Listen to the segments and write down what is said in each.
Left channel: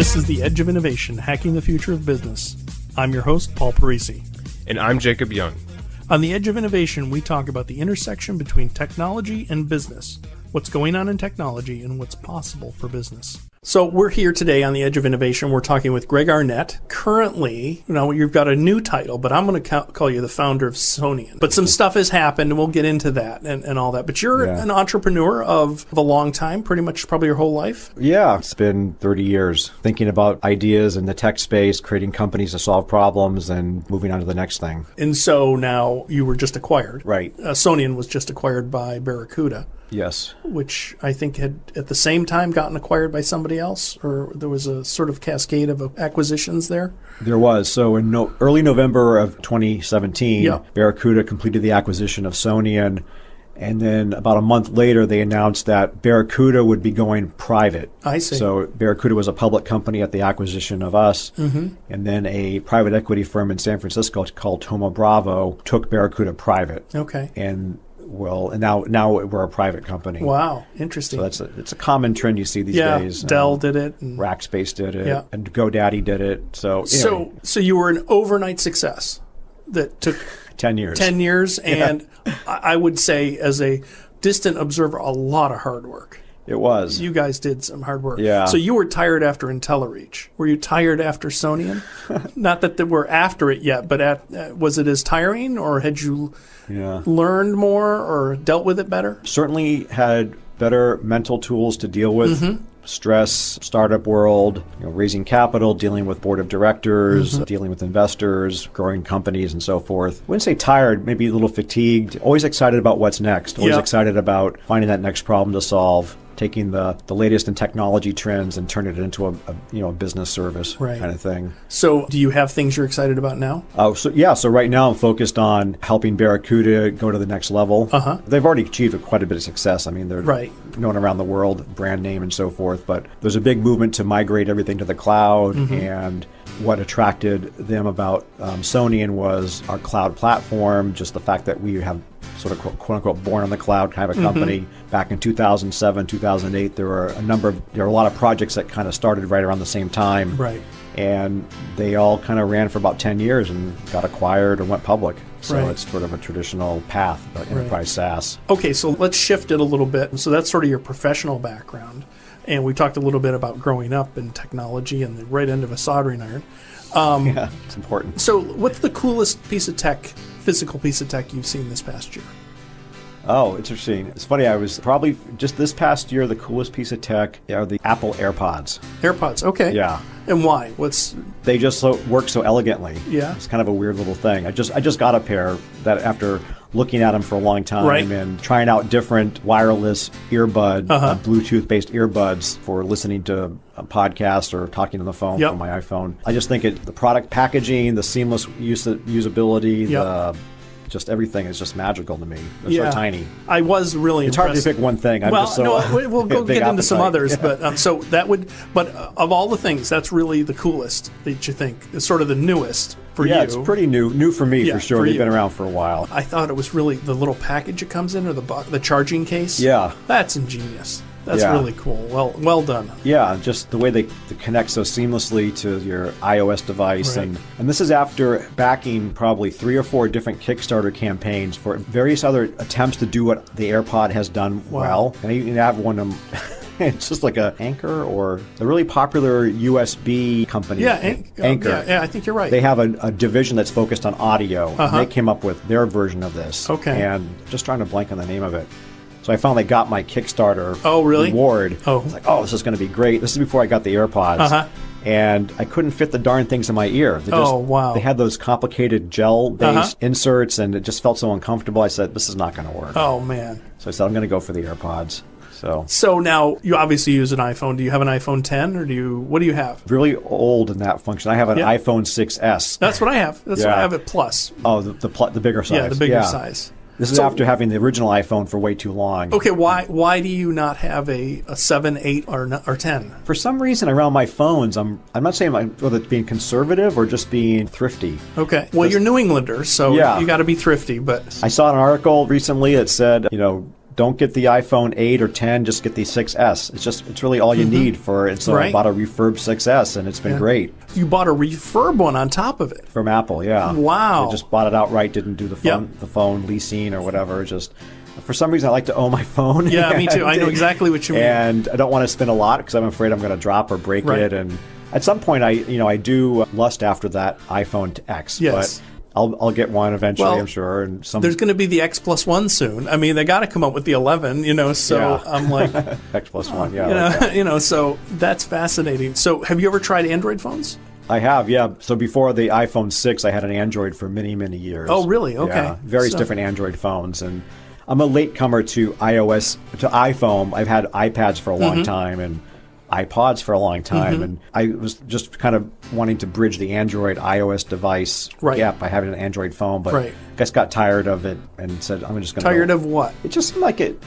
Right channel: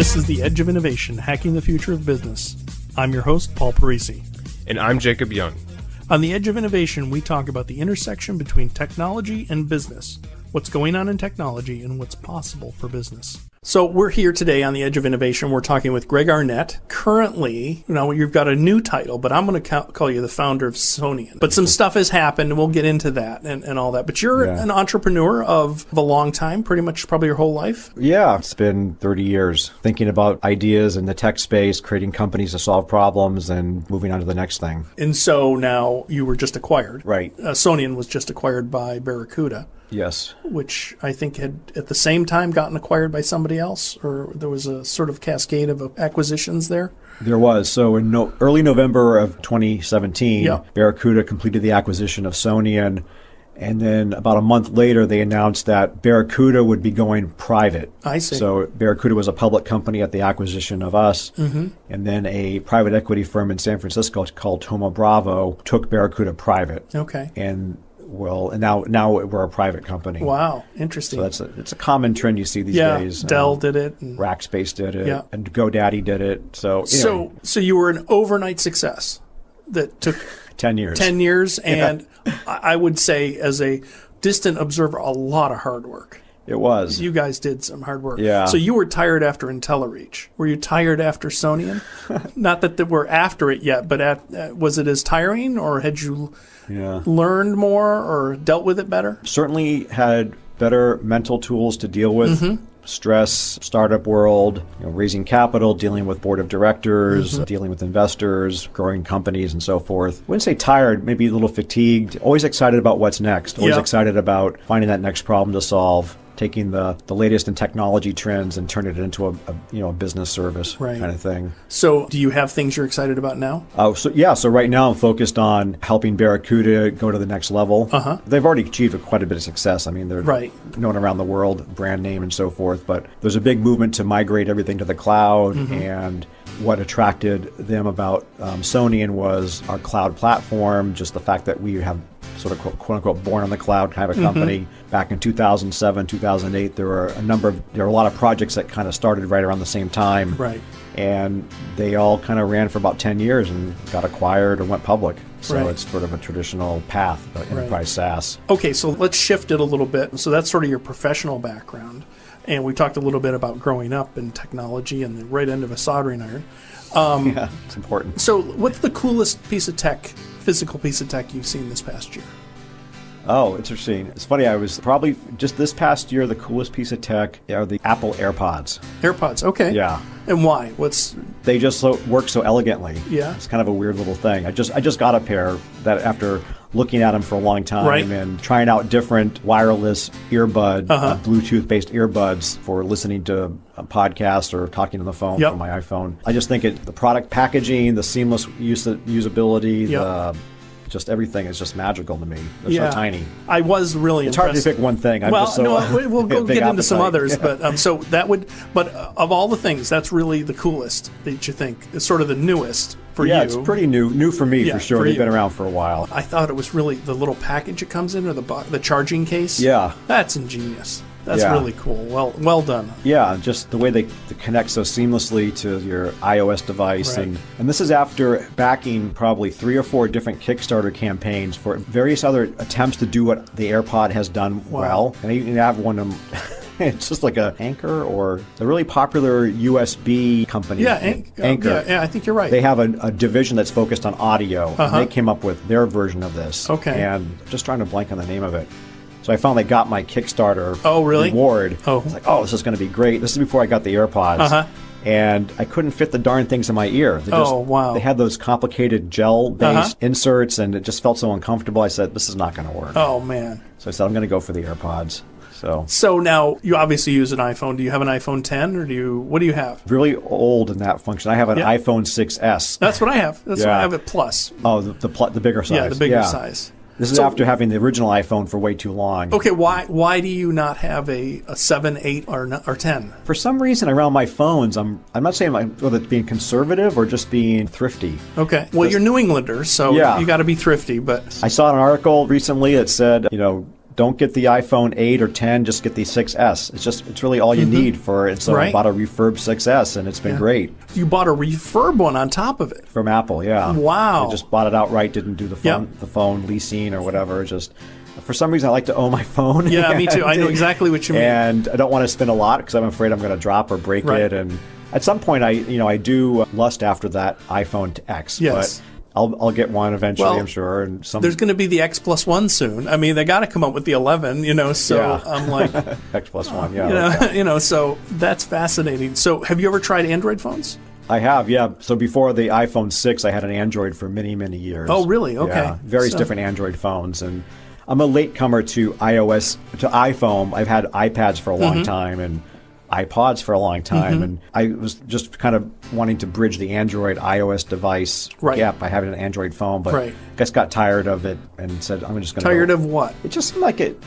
This is The Edge of Innovation, Hacking the Future of Business. I'm your host, Paul Parisi. And I'm Jacob Young. On The Edge of Innovation, we talk about the intersection between technology and business, what's going on in technology, and what's possible for business. So we're here today on The Edge of Innovation. We're talking with Greg Arnette. Currently, now you've got a new title, but I'm going to call you the founder of Sonian. But some stuff has happened, and we'll get into that and all that. But you're an entrepreneur of a long time, pretty much probably your whole life. Yeah, it's been 30 years thinking about ideas in the tech space, creating companies to solve problems, and moving on to the next thing. And so now you were just acquired. Right. Sonian was just acquired by Barracuda. Yes. Which I think had at the same time gotten acquired by somebody else, or there was a sort of cascade of acquisitions there? There was. So in early November of 2017, Barracuda completed the acquisition of Sonian, and then about a month later they announced that Barracuda would be going private. I see. So Barracuda was a public company at the acquisition of us, and then a private equity firm in San Francisco called Thoma Bravo took Barracuda private. Okay. And well, now we're a private company. Wow, interesting. So it's a common trend you see these days. Dell did it, and Rackspace did it. Yeah. And GoDaddy did it. So you were an overnight success that took 10 years. 10 years, and I would say, as a distant observer, a lot of hard work. It was. You guys did some hard work. Yeah. So you were tired after IntelliReach. Were you tired after Sonian? Not that they were after it yet, but was it as tiring, or had you learned more or dealt with it better? Certainly had better mental tools to deal with stress, startup world, raising capital, dealing with board of directors, dealing with investors, growing companies, and so forth. I would say tired, maybe a little fatigued, always excited about what's next. Yeah. Excited about finding that next problem to solve, taking the latest in technology trends and turning it into a business service Right. kind of thing. So do you have things you're excited about now? So right now I'm focused on helping Barracuda go to the next level. They've already achieved quite a bit of success. I mean, they're known around the world, brand name and so forth, but there's a big movement to migrate everything to the cloud, and what attracted them about Sonian was our cloud platform, just the fact that we had sort of quote-unquote born in the cloud kind of company. Back in 2007, 2008, there were a lot of projects that kind of started right around the same time. Right. And they all kind of ran for about 10 years and got acquired and went public. So Right. It's sort of a traditional path. Right. By SaaS. Okay, so let's shift it a little bit. So that's sort of your professional background. And we talked a little bit about growing up in technology and the right end of a soldering iron. So what's the coolest piece of tech, physical piece of tech you've seen this past year? Oh, interesting. It's funny, I was probably, just this past year, the coolest piece of tech are the Apple AirPods. AirPods, okay. Yeah. And why? They just work so elegantly. Yeah. It's kind of a weird little thing. I just got a pair that after looking at them for a long time. Right. And trying out different wireless earbuds, Bluetooth-based earbuds for listening to a podcast or talking on the phone Yep. on my iPhone. I just think the product packaging, the seamless usability, Yep. just everything is just magical to me. It's Yeah, tiny. I was really impressed. Pick one thing. Well, no, we'll go get into some others, but so that would. But of all the things, that's really the coolest that you think. It's sort of the newest for you. It's pretty new for me. Yeah, sure. for you. It's been around for a while. I thought it was really the little package it comes in, or the charging case. Yeah. That's ingenious. That's Yeah. really cool. Well done. Yeah, just the way they connect so seamlessly to your iOS device. Right. And this is after backing probably 3 or 4 different Kickstarter campaigns for various other attempts to do what the AirPod has done. Wow. I even have one of them. It's just like an Anchor or a really popular USB company. Yeah, Anchor. yeah. I think you're right. They have a division that's focused on audio. They came up with their version of this. Okay. And just trying to blank on the name of it. So I finally got my Kickstarter Oh, really? award. Oh. This is going to be great. This is before I got the AirPods. And I couldn't fit the darn things in my ear. Oh, wow. I had those complicated gel inserts, and it just felt so uncomfortable. I said, this is not going to work. Oh, man. So I'm going to go for the AirPods. So now you obviously use an iPhone. Do you have an iPhone 10 or what do you have? Really old in that function. I have an iPhone 6S. That's what I have. That's what I have at Plus. Oh, the bigger size. Yeah, the bigger size. So after having the original iPhone for way too long. Okay, why do you not have a 7, 8, or 10? For some reason, around my phones, I'm not saying whether being conservative or just being thrifty. Okay, well, you're New Englander, so you got to be thrifty. But I saw an article recently that said, don't get the iPhone 8 or 10, just get the 6S. It's really all you need for it. So right. I bought a refurb 6S, and it's been great. You bought a refurb one on top of it? From Apple, yeah. Wow. Just bought it outright, didn't do the phone leasing or whatever. Just for some reason, I like to own my phone. Yeah, me too. I know exactly what you mean. And I don't want to spend a lot because I'm afraid I'm going to drop or break right. it. And at some point, I do lust after that iPhone X. Yes. I'll get one eventually. Well, I'm sure. There's going to be the X plus one soon. I mean, they got to come up with the 11, So I'm like, so that's fascinating. So have you ever tried Android phones? I have, yeah. So before the iPhone 6, I had an Android for many, many years. Oh, really? Okay. Yeah, different Android phones, and I'm a latecomer to iOS, to iPhone. I had iPads for a long time and iPods for a long time. And I was just kind of wanting to bridge the Android iOS device. Right. Yeah, I had an Android phone, but right. just got tired of it and said, I'm just tired of what? Just like it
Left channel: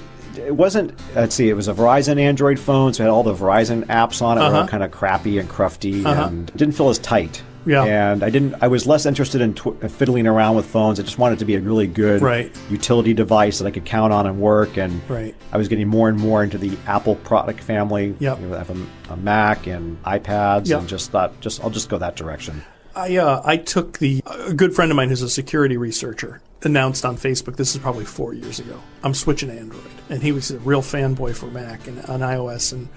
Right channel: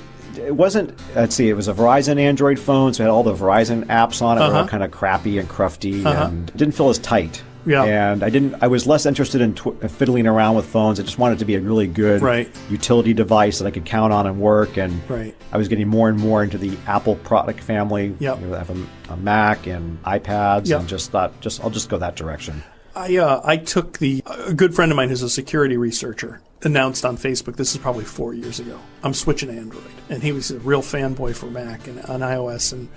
wasn't, let's see, it was a Verizon Android phone, so it had all the Verizon apps on it, kind of crappy and crufty. And it didn't feel as tight. Yeah. And I was less interested in fiddling around with phones. I just wanted it to be a really good utility device that I could count on and work. And I was getting more and more into the Apple product family. Yep. A Mac and iPads. Yep. And just thought, I'll just go that direction. I took a good friend of mine who's a security researcher announced on Facebook, this is probably 4 years ago, I'm switching to Android. And he was a real fanboy for Mac and on iOS. And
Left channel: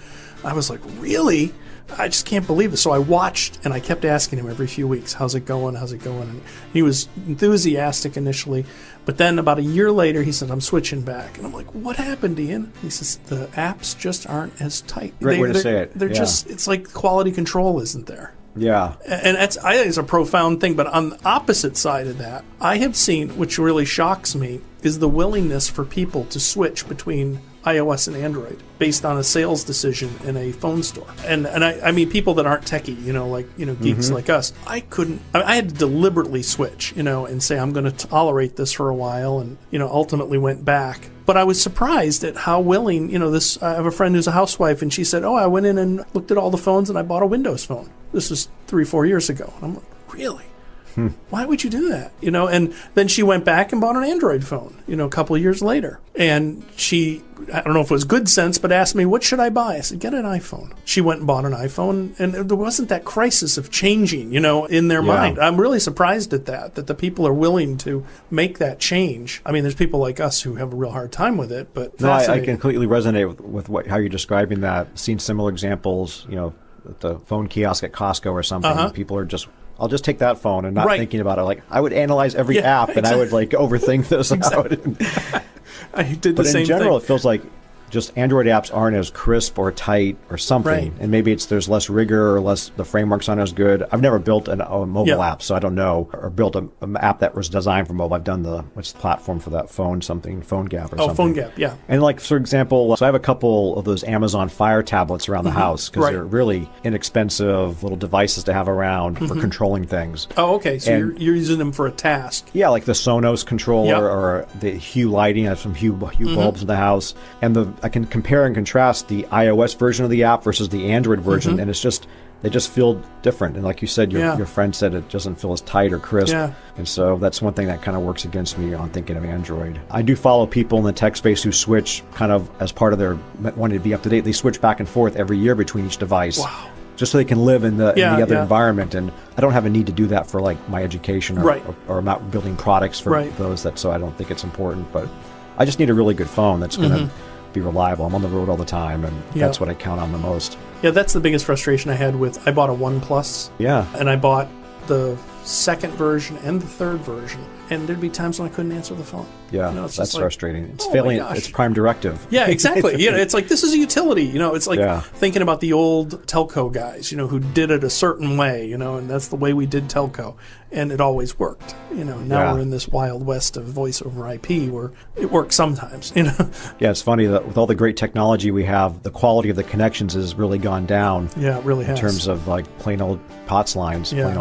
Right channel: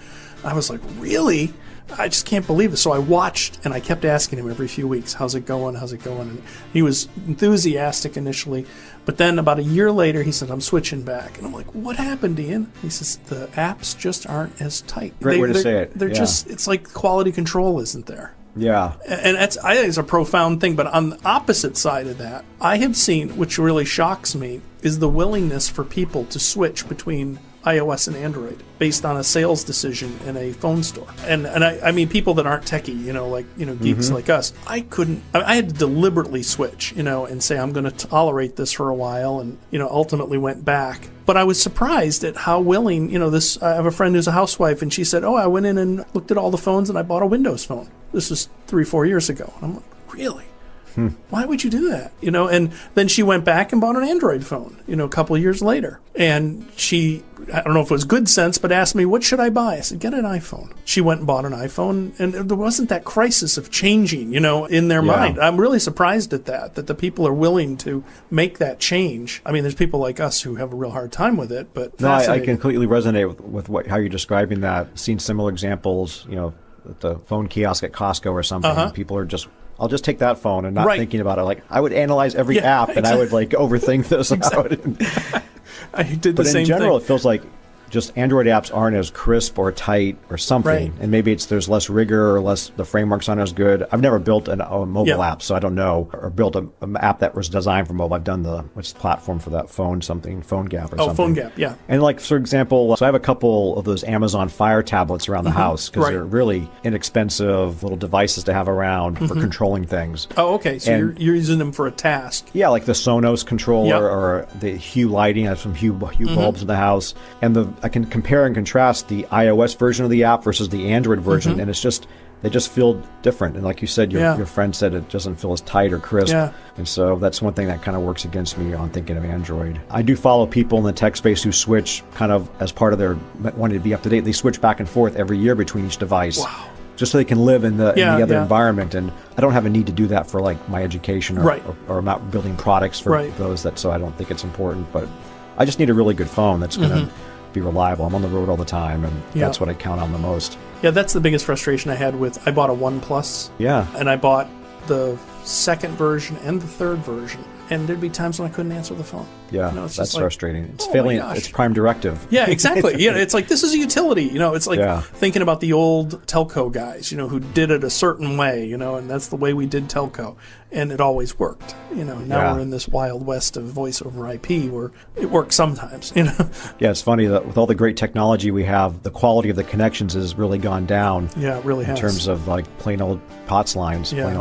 I was like, really? I just can't believe it. So I watched and I kept asking him every few weeks, how's it going? How's it going? And he was enthusiastic initially. But then about a year later, he said, I'm switching back. And I'm like, what happened, Ian? And he says, the apps just aren't as tight. They're just, it's like quality control isn't there. Yeah. And I think it's a profound thing. But on the opposite side of that, I have seen, which really shocks me, is the willingness for people to switch between iOS and Android based on a sales decision in a phone store. And I mean, people that aren't techie, geeks like us, I had to deliberately switch, and say, I'm going to tolerate this for a while and, ultimately went back. But I was surprised at how willing, I have a friend who's a housewife and she said, I went in and looked at all the phones and I bought a Windows phone. This was 3-4 years ago. And I'm like, really? Why would you do that? And then she went back and bought an Android phone, a couple of years later. And she, I don't know if it was good sense, but asked me, what should I buy? I said, get an iPhone. She went and bought an iPhone, and there wasn't that crisis of changing, in their mind. I'm really surprised at that the people are willing to make that change. I mean, there's people like us who have a real hard time with it, but fascinating. I completely resonate with how you're describing that. I've seen similar examples, with the phone kiosk at Costco or something. People are just, I'll just take that phone and not thinking about it. Like, I would analyze every app. Exactly. I would, overthink this. Exactly. I did the same thing. It feels like just Android apps aren't as crisp or tight or something. Right. And maybe there's less rigor or the frameworks aren't as good. I've never built a mobile app, so I don't know. Or built an app that was designed for mobile. I've done this platform for that phone PhoneGap. Oh, PhoneGap, yeah. And for example, I have a couple of those Amazon Fire tablets around the house. Right. They're really inexpensive little devices to have around for controlling things. Oh, okay. So you're using them for a task. Yeah, like the Sonos controller or the Hue lighting. I have some Hue bulbs in the house. And I can compare and contrast the iOS version of the app versus the Android version, and it just feels different. And like you said, your friend said it doesn't feel as tight or crisp. Yeah. And so that's one thing that kind of works against me. I do follow people in the tech space who switch kind of as part of their they switch back and forth every year between each device. Wow. Just so they can live in the environment. And I don't have a need to do that for my education. Right. Or not building products. Right. That's important. But I just need a really good phone. It's reliable all the time. Yeah. Yeah, that's the biggest frustration I had with, I bought a OnePlus, and I bought the second version and the third version, and there'd be times when I couldn't answer the phone. It's just like, oh my gosh. Yeah, exactly. It's like, this is a utility. It's like thinking about the old telco guys, who did it a certain way, and that's the way we did telco, and it always worked. Now we're in this wild west of voice over IP where it works sometimes, Yeah, it's funny that with all the great technology we have, the quality of the connections has really gone down. Yeah, it really has. Lines, yeah.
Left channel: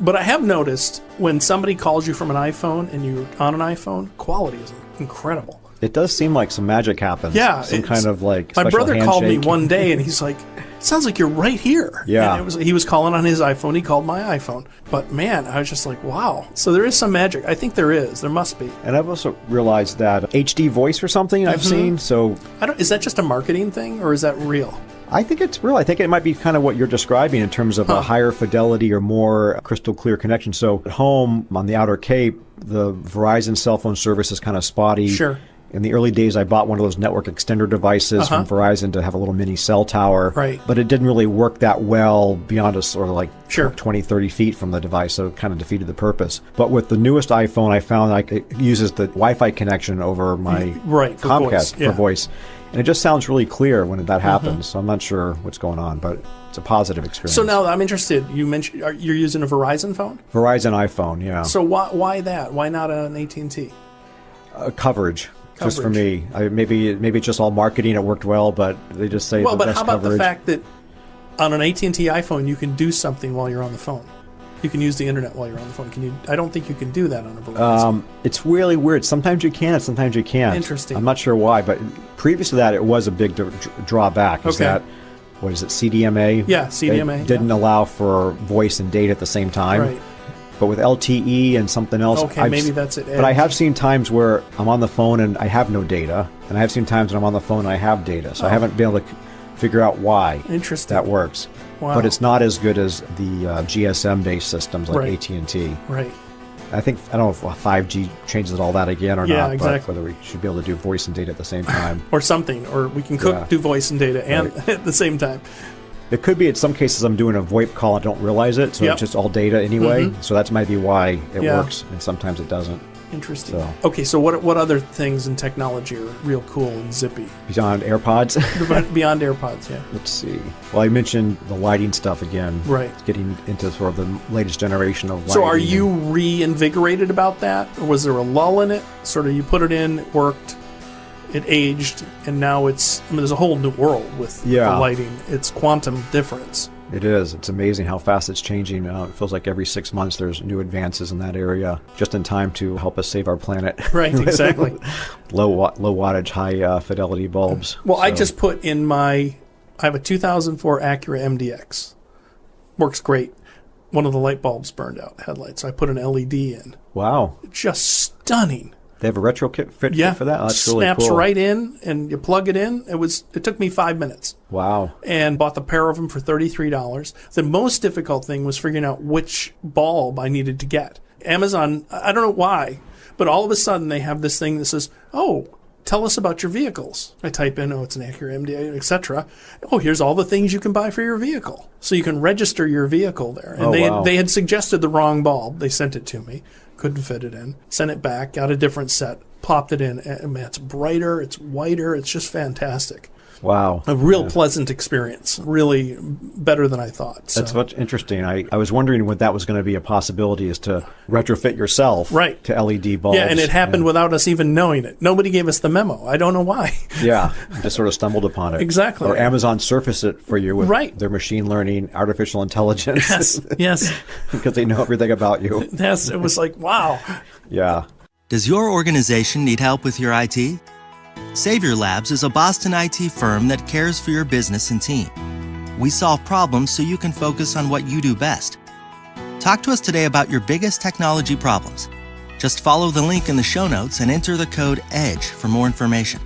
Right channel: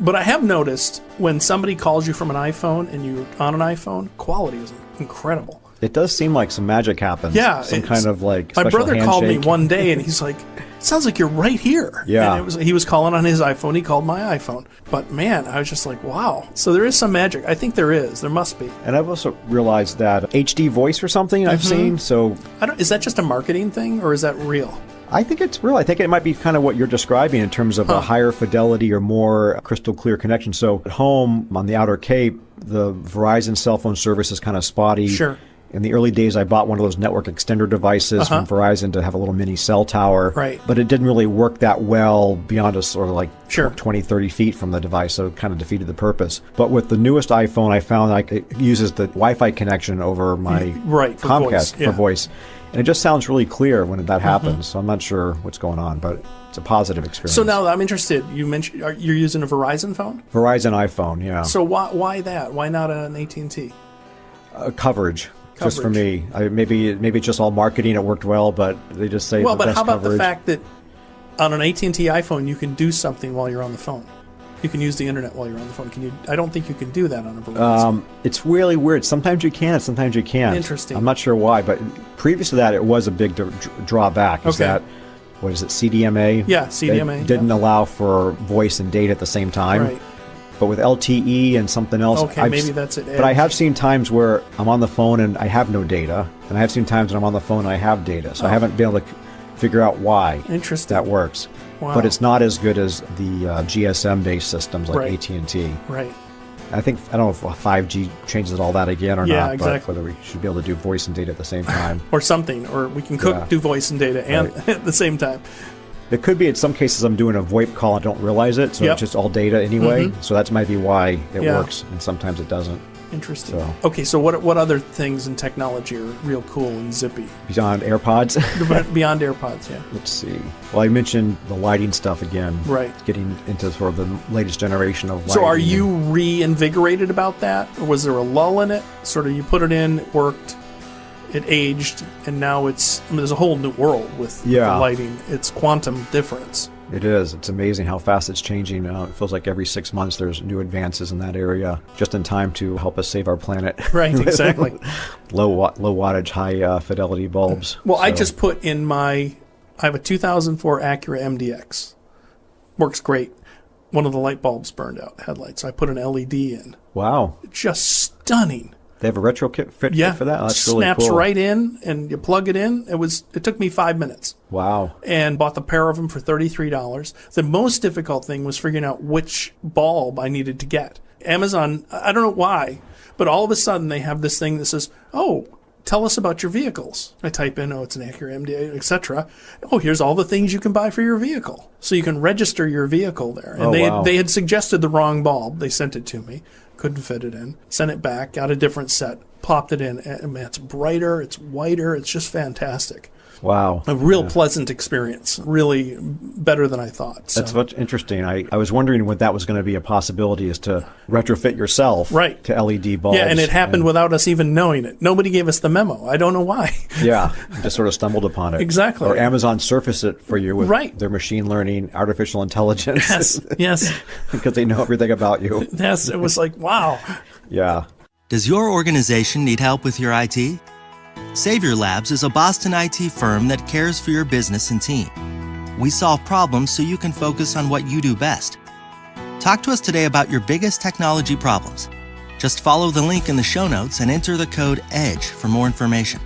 But I have noticed when somebody calls you from an iPhone and you're on an iPhone, quality is incredible. It does seem like some magic out there. Yeah, it's kind of my brother called me one day and he's like, it sounds like you're right here. Yeah. And he was calling on his iPhone. He called my iPhone. But man, I was just like, wow. So there is some magic. I think there is. There must be. And I also realized that HD voice or something. Is that just a marketing thing, or is that real? I think it's real. I think it might be kind of what you're describing in terms of higher fidelity or more crystal clear connection. So at home, on the Outer Cape, the Verizon cell phone service is kind of spotty. Sure. In the early days, I bought one of those network extender devices from Verizon to have a little mini cell tower. Right. But it didn't really work that well beyond a sort of like 20, 30 feet from the device, so it kind of defeated the purpose. But with the newest iPhone, I found like it uses the Wi-Fi connection over for voice. Yeah. Voice. And it just sounds really clear when that happens. So I'm not sure what's going on, but it's a positive. So now I'm interested. You mentioned you're using a Verizon phone? Verizon iPhone, yeah. So why that? Why not an AT&T? Coverage. Maybe just all marketing, it worked well, but but how about the fact that on an AT&T iPhone you can do something while you're on the phone? You can use the internet while you're on the phone. Can you? I don't think you can do that on a Verizon. It's really weird. Sometimes you can, sometimes you can't. Interesting. I'm not sure why, but previously it was a big drawback. Okay. Was it CDMA? Yeah, CDMA. It didn't allow for voice and data at the same time. Right. But with LTE and something else. Okay, maybe that's at Edge. I've seen times where I'm on the phone and I have no data. And I've seen times where I'm on the phone and I have data. So I'm going to figure out why. Interesting. That works. Wow. But it's not as good as the GSM-based system. Right. AT&T. Right. I think, I don't know if 5G changes all that again. Yeah, exactly. Or something, or we can do voice and data and at the same time. It could be in some cases I'm doing a voice call, I don't realize it. Yep. It's all data. So that might be why. Yeah. Sometimes it doesn't. Interesting. Okay, so what other things in technology are real cool and zippy? Beyond AirPods. Beyond AirPods, yeah. Well, I mentioned the lighting stuff again. Right. Next generation. So are you reinvigorated about that? Or was there a lull in it? Sort of you put it in, it worked, it aged, and now there's a whole new world with the lighting. It's quantum difference. It is. It's amazing how fast it's changing. And it feels like every 6 months there's new advances in that area, just in time to help us save our planet. Right, exactly. Low wattage, high fidelity bulbs. Well, I just put in I have a 2004 Acura MDX. Works great. One of the light bulbs burned out, headlights. So I put an LED in. Wow. Just stunning. Like a retrofit? Yeah. Snaps right in, and you plug it in. It took me 5 minutes. Wow. And bought the pair of them for $33. The most difficult thing was figuring out which bulb I needed to get. Amazon, I don't know why, but all of a sudden they have this thing that says, oh, tell us about your vehicles. I type in, it's an Acura MDX, etc. Oh, here's all the things you can buy for your vehicle. So you can register your vehicle there. And they had suggested the wrong bulb. They sent it to me. Couldn't fit it in. Sent it back, got a different set, plopped it in. And man, it's brighter, it's whiter, it's just fantastic. Wow. A real pleasant experience. Really better than I thought. So that's interesting. I was wondering if that was going to be a possibility, is to retrofit yourself right. to LED bulbs. Yeah, and it happened without us even knowing it. Nobody gave us the memo. I don't know why. Yeah, I sort of stumbled upon it. Exactly. Or Amazon surfaced it for you. Right. The machine learning, artificial intelligence. Yes. That they know everything about you. Yes, it was like, wow. Yeah. Does your organization need help with your IT? Savior Labs is a Boston IT firm that cares for your business and team. We solve problems so you can focus on what you do best. Talk to us today about your biggest technology problems. Just follow the link in the show notes and enter the code EDGE for more information.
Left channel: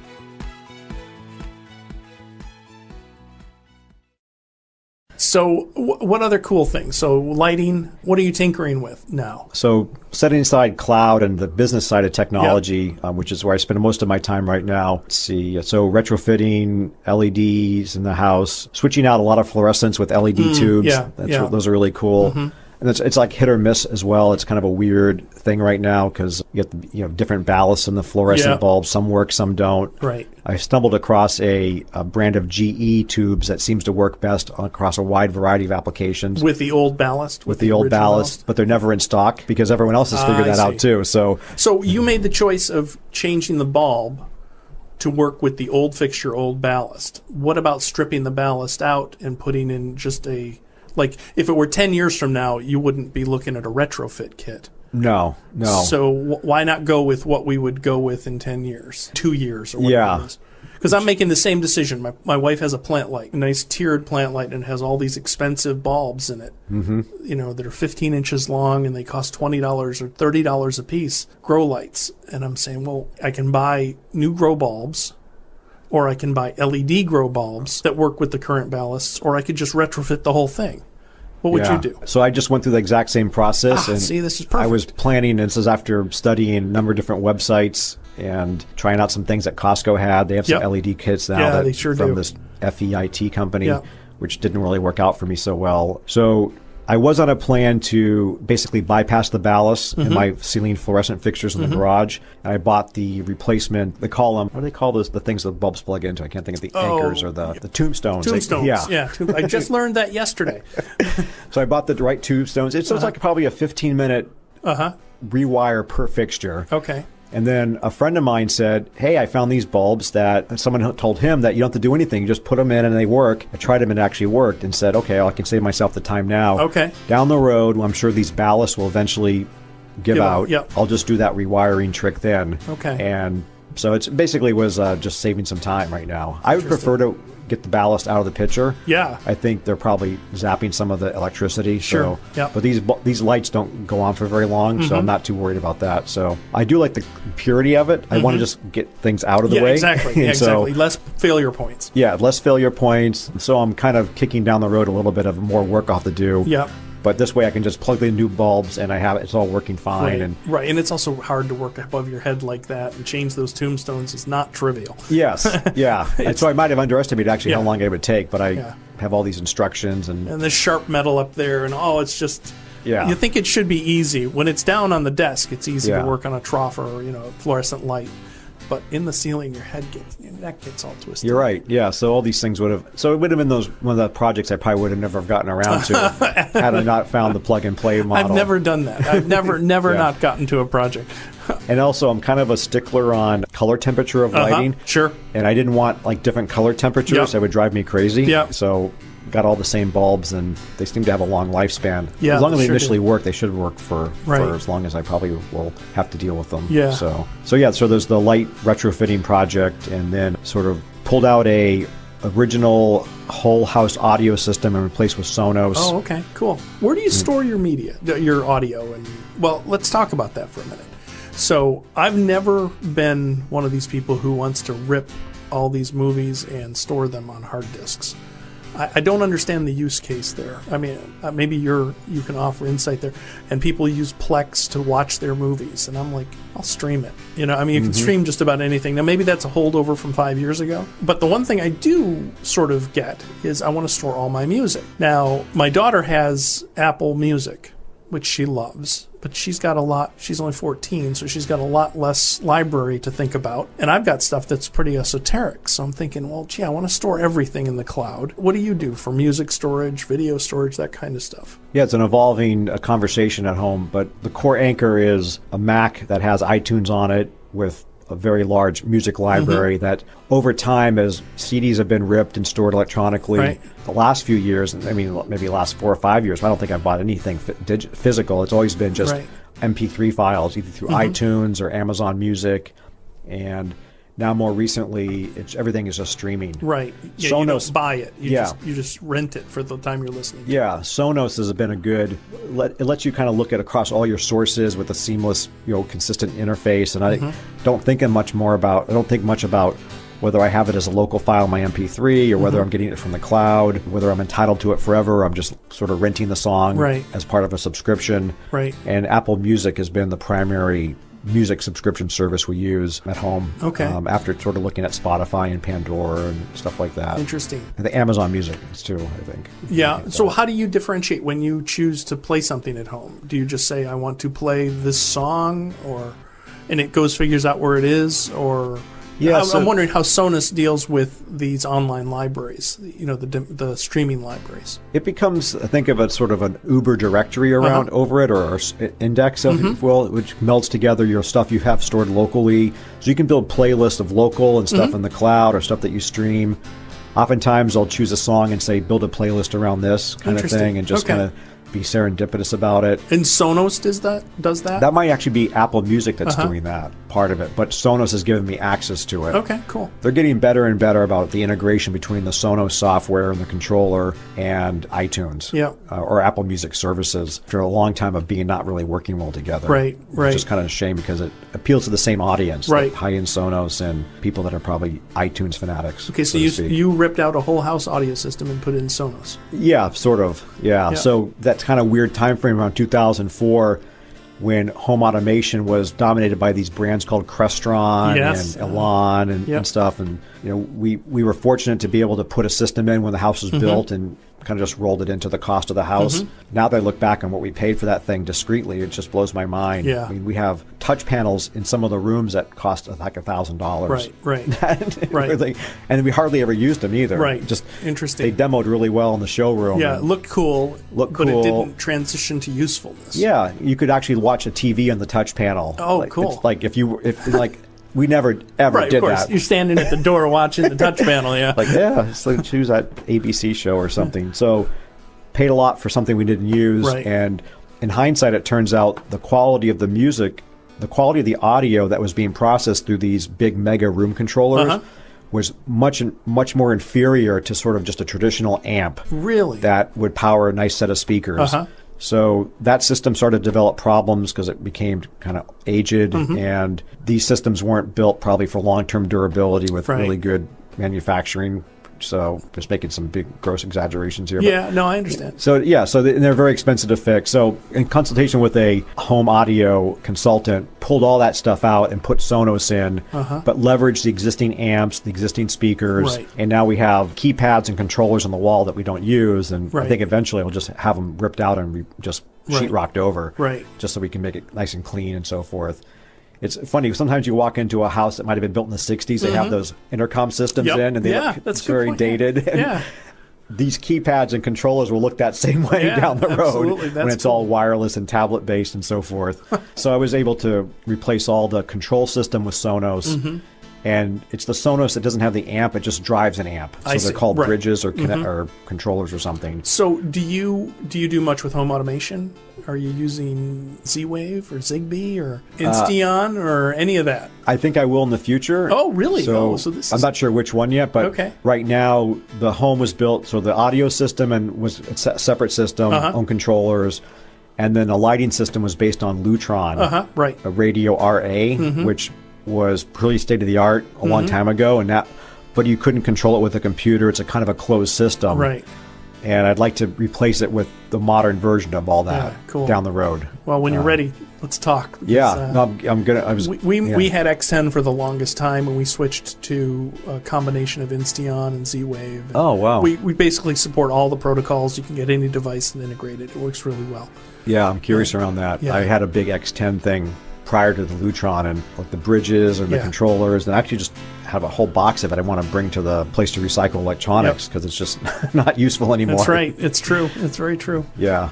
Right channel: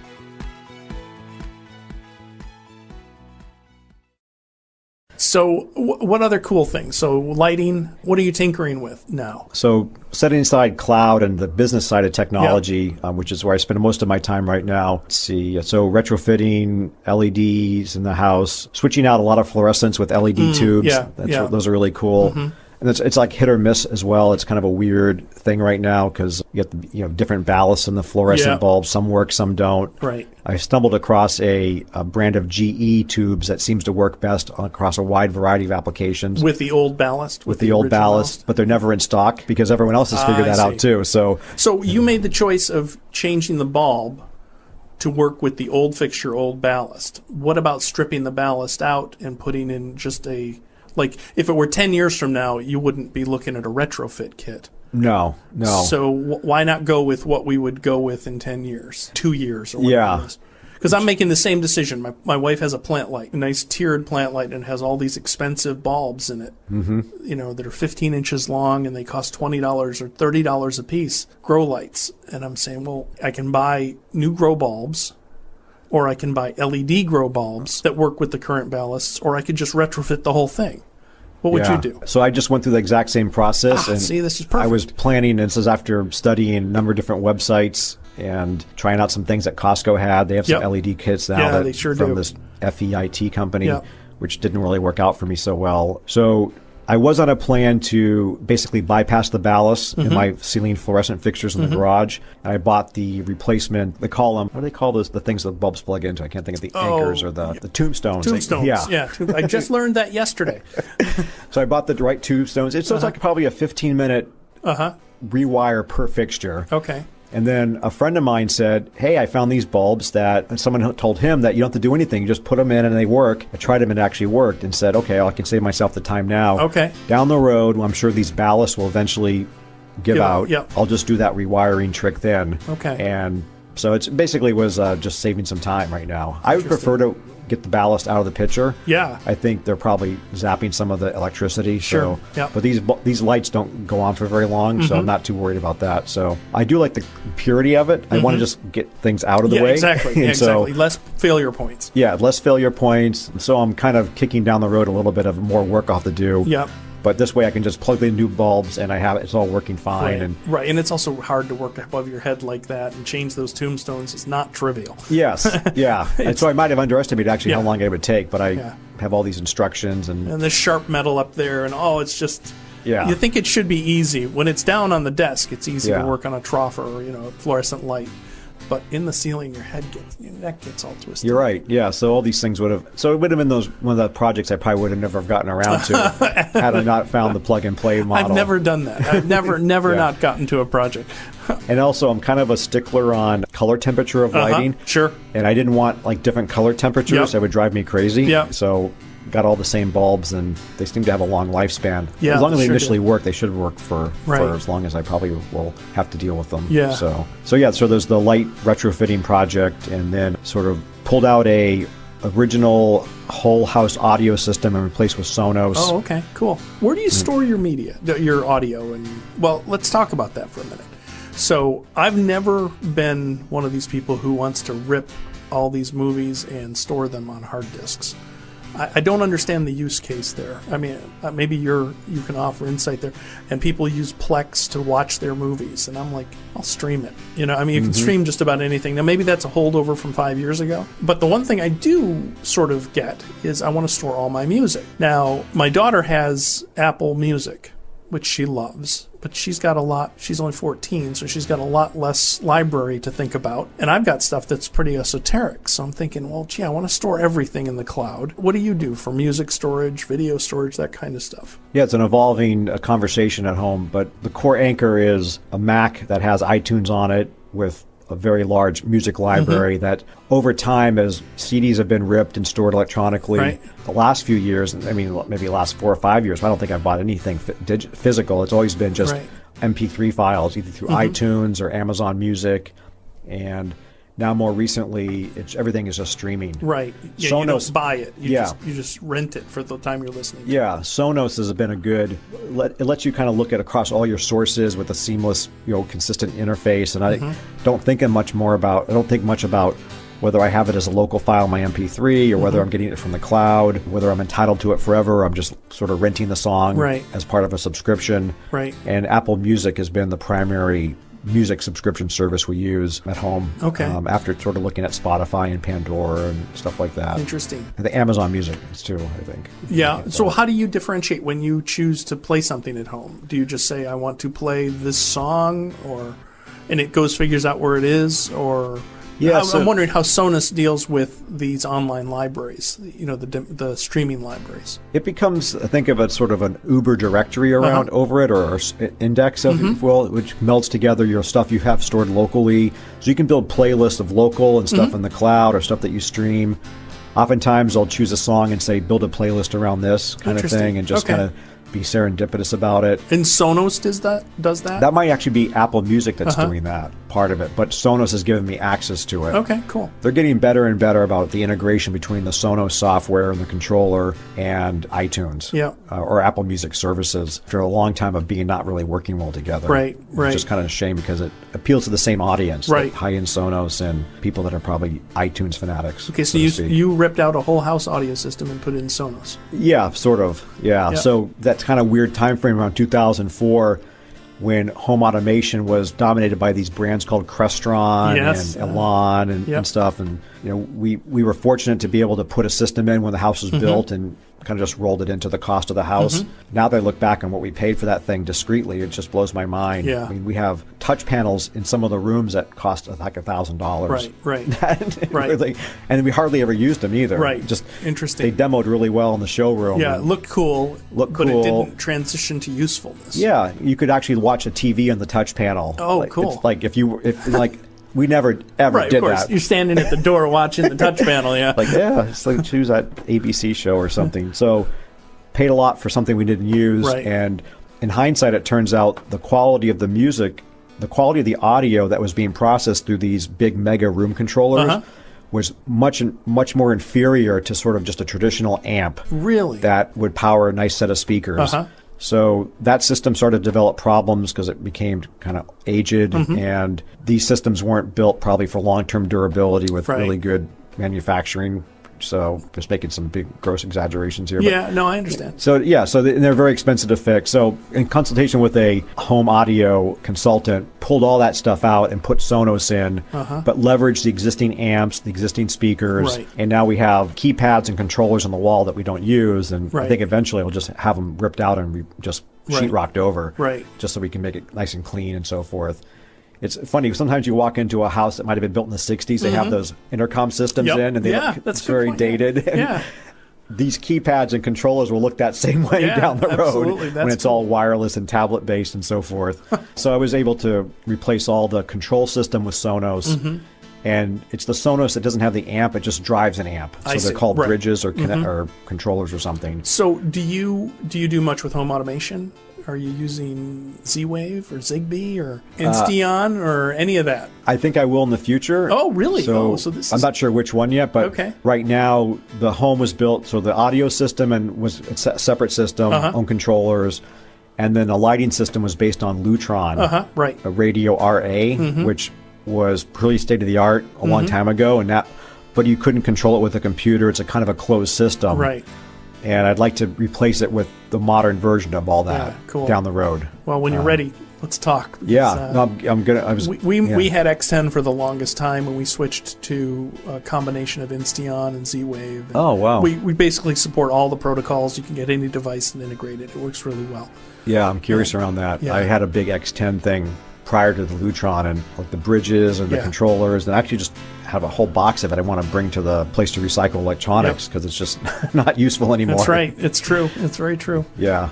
So what other cool things? So lighting, what are you tinkering with now? So setting aside cloud and the business side of technology, which is where I spend most of my time right now. So retrofitting LEDs in the house, switching out a lot of fluorescents with LED tubes. Yeah. Those are really cool. Mm-hmm. And it's like hit or miss as well. It's kind of a weird thing right now because you have different ballasts in the fluorescent bulbs. Some work, some don't. Right. I stumbled across a brand of GE tubes that seems to work best across a wide variety of applications. With the old ballast, with the original ballast? But they're never in stock because everyone else is I see. see. Too. So you made the choice of changing the bulb to work with the old fixture, old ballast. What about stripping the ballast out and putting in just like, if it were 10 years from now, you wouldn't be looking at a retrofit kit. No. So why not go with what we would go with in 10 years, 2 years, or whatever it is? Because I'm making the same decision. My wife has a plant light, a nice tiered plant light, and it has all these expensive bulbs in it. Mm-hmm. that are 15 inches long and they cost $20 or $30 a piece, grow lights. And I'm saying, well, I can buy new grow bulbs, or I can buy LED grow bulbs that work with the current ballasts, or I could just retrofit the whole thing. What would you do? So I just went through the exact same process. See, this is perfect. I was planning this is after studying a number of different websites and trying out some things that Costco had. They have some LED kits. Yeah, they sure do. At&T company, which didn't really work out for me so well. So I was on a plan to basically bypass the ballast by sealing fluorescent fixtures in the garage. I bought the replacement, what do they call those, the things that bulbs plug into? I can't think of the tombstones. Tombstones, I just learned that yesterday. So I bought the right tombstones. This is probably a 15-minute rewire per fixture. Okay. And then a friend of mine said, hey, I found these bulbs that someone had told him that you don't have to do anything. Just put them in and they work. I tried it and it actually worked. And said, okay, I can save myself the time now. Okay. Down the road, I'm sure these ballasts will eventually give out. Yep. I'll just do that rewiring trick then. Okay. And so it's basically was just saving some time right now. Interesting. I prefer to get the ballast out of the picture. Yeah. I think they're probably zapping some of the electricity. Sure. Yep. But these lights don't go on for very long, so I'm not too worried about that. So I do like the purity of it. Just get things out of the way. Exactly. Yeah, exactly. Less failure points. Yeah, less failure points. So I'm kind of kicking down the road a little bit of more work off the do. Yep. But this way I can just plug in new bulbs and it's all working fine. Right. And it's also hard to work above your head like that and change those tombstones is not trivial. Yeah. So I might have underestimated actually how long it would take, but I have all these instructions. And the sharp metal up there and it's just... You think it should be easy. When it's down on the desk, it's easy to work on a trough or, a fluorescent light. But in the ceiling, your neck gets all twisted. Right, yeah. So all these things would have... So it would have been one of the projects I probably wouldn't have gotten around to had I not found the plug and play. I've never done that. I've never not gotten to a project. And also, I'm kind of a stickler on color temperature of lighting. Sure. And I didn't want different color temperatures. Yep. That would drive me crazy. Yep. So got all the same bulbs, and they seem to have a long lifespan. Yeah, they sure do. They should work for as long as I probably will have to deal with them. Yeah. So there's the light retrofitting project, and then sort of pulled out a original whole house audio system and replaced with Sonos. Oh, okay, cool. Where do you store your media, your audio? And let's talk about that for a minute. So I've never been one of these people who wants to rip all these movies and store them on hard disks. I don't understand the use case there. I mean, maybe you can offer insight there. And people use Plex to watch their movies, and I'm like, I'll stream it. You can stream just about anything. Now, maybe that's a holdover from 5 years ago. But the one thing I do sort of get is I want to store all my music. Now, my daughter has Apple Music, which she loves, but she's got a lot. She's only 14, so she's got a lot less library to think about. And I've got stuff that's pretty esoteric. So I'm thinking, I want to store everything in the cloud. What do you do for music storage, video storage, that kind of stuff? Yeah, it's an evolving conversation at home, but the core anchor is a Mac that has iTunes on it with a very large music library that over time, as CDs have been ripped and stored electronically, the last few years, maybe the last 4 or 5 years, I don't think I've bought anything physical. It's always been just MP3 files, either through iTunes or Amazon Music, and now more recently, everything is just streaming. Right. Yeah, Sonos, you don't buy it. You just rent it for the time you're listening to. Yeah, Sonos has been a good... It lets you kind of look at across all your sources with a seamless, consistent interface. And I don't think much about whether I have it as a local file in my MP3 or whether I'm getting it from the cloud, whether I'm entitled to it forever, or I'm just sort of renting the song as part of a subscription. Right. And Apple Music has been the primary music subscription service we use at home. Okay. After sort of looking at Spotify and Pandora and stuff like that. Interesting. The Amazon Music is too, I think. Yeah. So how do you differentiate when you choose to play something at home? Do you just say, I want to play this song, and it figures out where it is? Or I'm wondering how Sonos deals with these online libraries, the streaming libraries. It becomes, I think, of a sort of an Uber directory over it, or index, which melds together stuff you have stored locally. So you can build playlists of local and stuff in the cloud or stuff that you stream. Oftentimes, I'll choose a song and say, build a playlist around this. Interesting. Okay. Be serendipitous about it. And Sonos does that? That might actually be Apple Music that's doing that. part of it, but Sonos is giving me access to it. Okay, cool. They're getting better and better about the integration between the Sonos software and controller and iTunes. Yeah. Or Apple Music services. For a long time of being not really working well together. Right. It's kind of a shame because it appeals to the same audience. Right. High-end Sonos and people that are probably iTunes fanatics. Okay, so you ripped out a whole house audio system and put in Sonos. Yeah, sort of. Yeah. So that's kind of weird time frame around 2004 when home automation was dominated by these brands called Crestron and stuff. And we were fortunate to be able to put a system in when the house was built and kind of just rolled it into the cost of the house. Now that I look back on what we paid for that thing discreetly, it just blows my mind. Yeah. I mean, we have touch panels in some of the rooms that cost like $1,000. Right. And we hardly ever used them either. Right. Just, interesting. They demoed really well in the showroom. Yeah, it looked cool, but it didn't transition to usefulness. Yeah, you could actually watch a TV on the touch panel. Oh, cool. We never ever right, of course. That. You're standing at the door watching the touch panel, yeah. Yeah, so choose that ABC show or something. So paid a lot for something we didn't use. Right. And in hindsight, it turns out the quality of the music, the quality of the audio that was being processed through these big mega room controllers was much more inferior to sort of just a traditional amp. Really? That would power a nice set of speakers. So that system started to develop problems because it became kind of aged, and these systems weren't built probably for long-term durability with really good manufacturing. So just making some big gross exaggerations here. Yeah, no, I understand. So they're very expensive to fix. So in consultation with a home audio consultant, pulled all that stuff out and put Sonos in, but leveraged the existing amps, the existing speakers. Right. And now we have keypads and controllers on the wall that we don't use. And I think eventually we'll just have them ripped out and we just rocked over. Right. Just so we can make it nice and clean and so forth. It's funny, sometimes you walk into a house that might have been built in the 60s and have those intercom systems. Yeah, that's a good point. Yeah. These keypads and controllers will look that same way. Yeah, absolutely. That's cool. All wireless and tablet-based and so forth. So I was able to replace all the control system with Sonos. And it's the Sonos that doesn't have the amp, it just drives an amp. So I see. Right. Bridges or controllers or something. So do you do much with home automation? Are you using Z-Wave or Zigbee or Insteon or any of that? I think I will in the future. Oh, really? So this is... I'm not sure which one yet, but right now the home is built for the audio system and was a separate system, home controllers, and then the lighting system was based on Lutron, right. the Radio RA, which was pretty state-of-the-art a long time ago, but you couldn't control it with a computer. It's a kind of a closed system. Right. And I'd like to replace it with the modern version of all that. Yeah, cool. Down the road. Well, when you're ready, let's talk. Because we had X10 for the longest time, and we switched to a combination of Insteon and Z-Wave. And we basically support all the protocols. You can get any device and integrate it. It works really well. Yeah, I'm curious around that. Yeah. I had a big X10 thing prior to the Lutron and the bridges and the controllers, and I actually just have a whole box that I want to bring to the place to recycle electronics because it's just not useful anymore. That's right. It's true. It's very true. Yeah.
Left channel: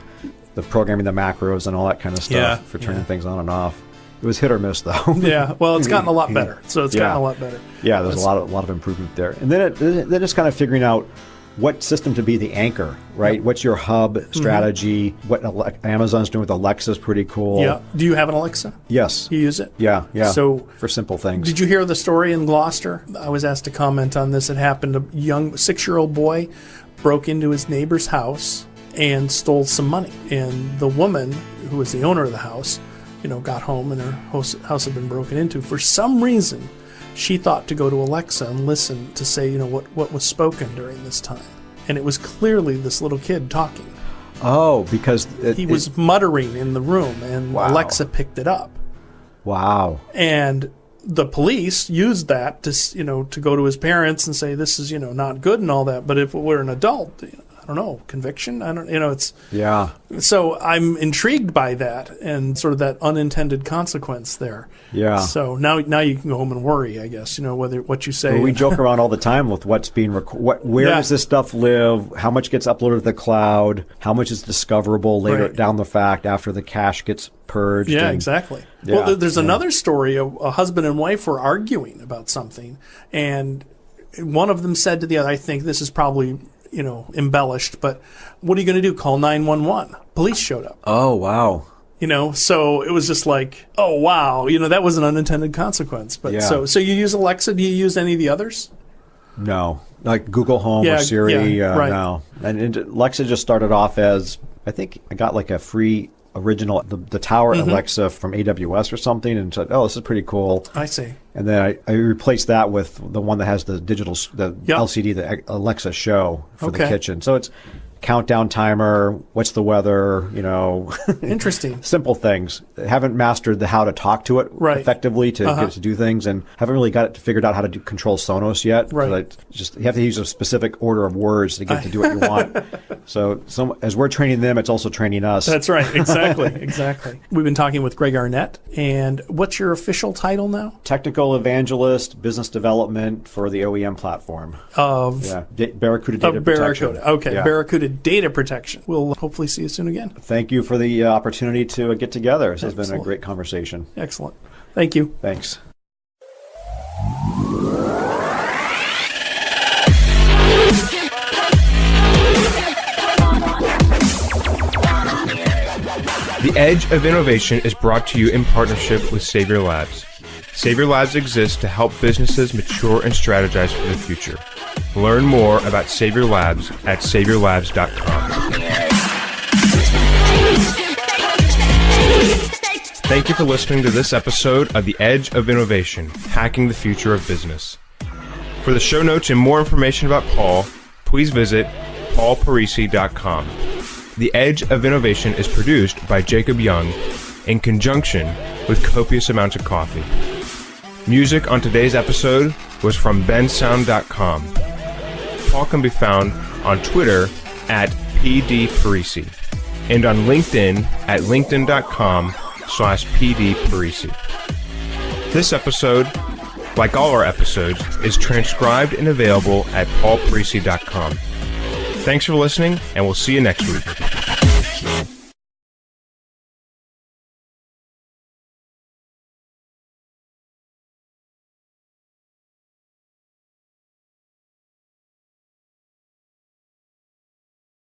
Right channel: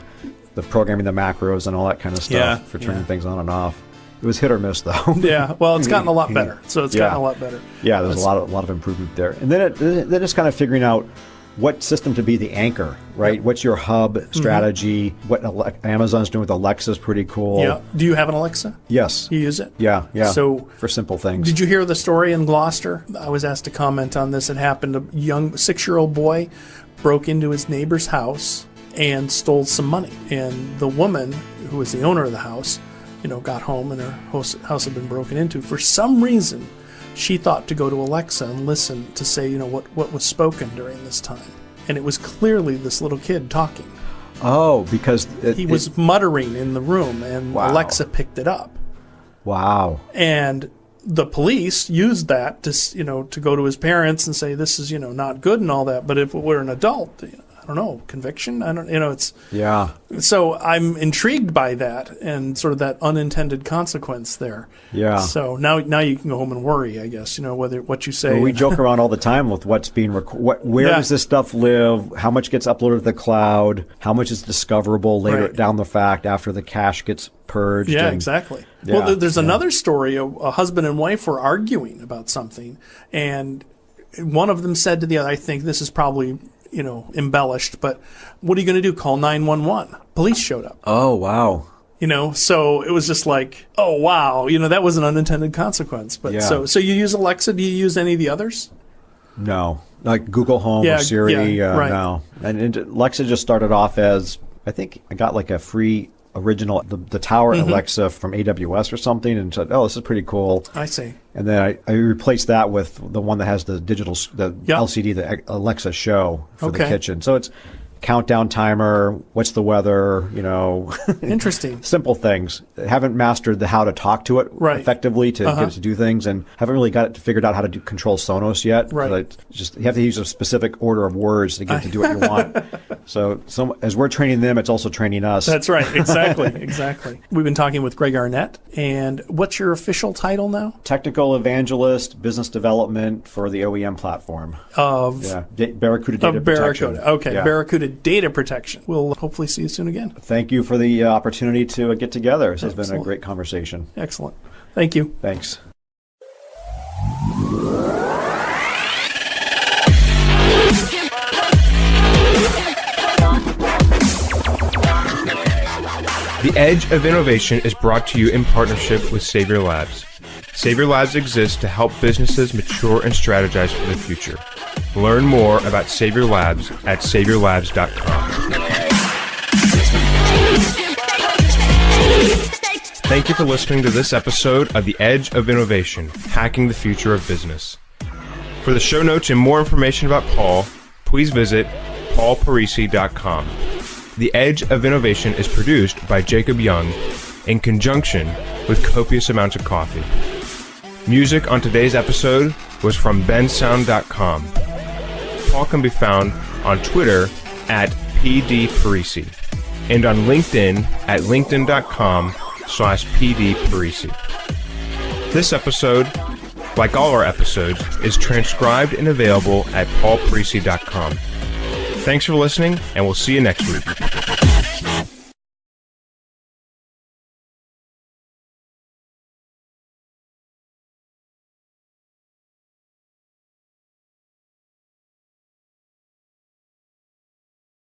The programming the macros and all that kind of stuff. Yeah. Things on and off. It was hit or miss though. Yeah. Well, it's gotten a lot better. So it's gotten a lot better. Yeah, there's a lot of improvement there. And then just kind of figuring out what system to be the anchor, right? What's your hub strategy? What Amazon's doing with Alexa is pretty cool. Yeah. Do you have an Alexa? Yes. You use it? Yeah. So, for simple things. Did you hear the story in Gloucester? I was asked to comment on this. It happened. A young 6-year-old boy broke into his neighbor's house and stole some money. And the woman, who was the owner of the house, got home and her house had been broken into. For some reason, she thought to go to Alexa and listen to say, what was spoken during this time. And it was clearly this little kid talking. Oh, because... He was muttering in the room, and Alexa picked it up. Wow. And the police used that to go to his parents and say, this is, not good and all that. But if it were an adult, I don't know, conviction? It's... Yeah. So I'm intrigued by that and sort of that unintended consequence there. Yeah. So now you can go home and worry, I guess, what you say. We joke around all the time with what's being where does this stuff live, how much gets uploaded to the cloud, how much is discoverable down the fact after the cache gets purged. Yeah, exactly. Well, there's another story. A husband and wife were arguing about something, and one of them said to the other, I think this is probably embellished, but what are you going to do? Call 911. Police showed up. Oh, wow. So it was just like, oh, wow, that was an unintended consequence. But so you use Alexa. Do you use any of the others? No, like Google Home. Siri, right. And Alexa just started off as, I think I got like a free original, the Tower Alexa from AWS or something, and said, oh, this is pretty cool. I see. And then I replaced that with the one that has the digital, the LCD, the Alexa Show. Okay. So it's countdown timer, what's the weather, Interesting. Simple things. I haven't mastered how to talk to it effectively to just do things, and I haven't really got figured out how to control Sonos yet. Right. You have to use a specific order of words to get it. So as we're training them, it's also training us. That's right. Exactly. We've been talking with Greg Arnette, and what's your official title now? Technical Evangelist, Business Development for the OEM platform. Of Barracuda. Okay, Barracuda Data Protection. We'll hopefully see you soon again. Thank you for the opportunity to get together. It's been a great conversation. Excellent. Thank you. Thanks. The Edge of Innovation is brought to you in partnership with Savior Labs. Savior Labs exists to help businesses mature and strategize for the future. Learn more about Savior Labs at saviorlabs.com. Thank you for listening to this episode of The Edge of Innovation, Hacking the Future of Business. For the show notes and more information about Paul, please visit paulparisi.com. The Edge of Innovation is produced by Jacob Young in conjunction with copious amounts of coffee. Music on today's episode was from bensound.com. Paul can be found on Twitter at pdparisi and on LinkedIn at linkedin.com/pdparisi. This episode, like all our episodes, is transcribed and available at paulparisi.com. Thanks for listening, and we'll see you next week.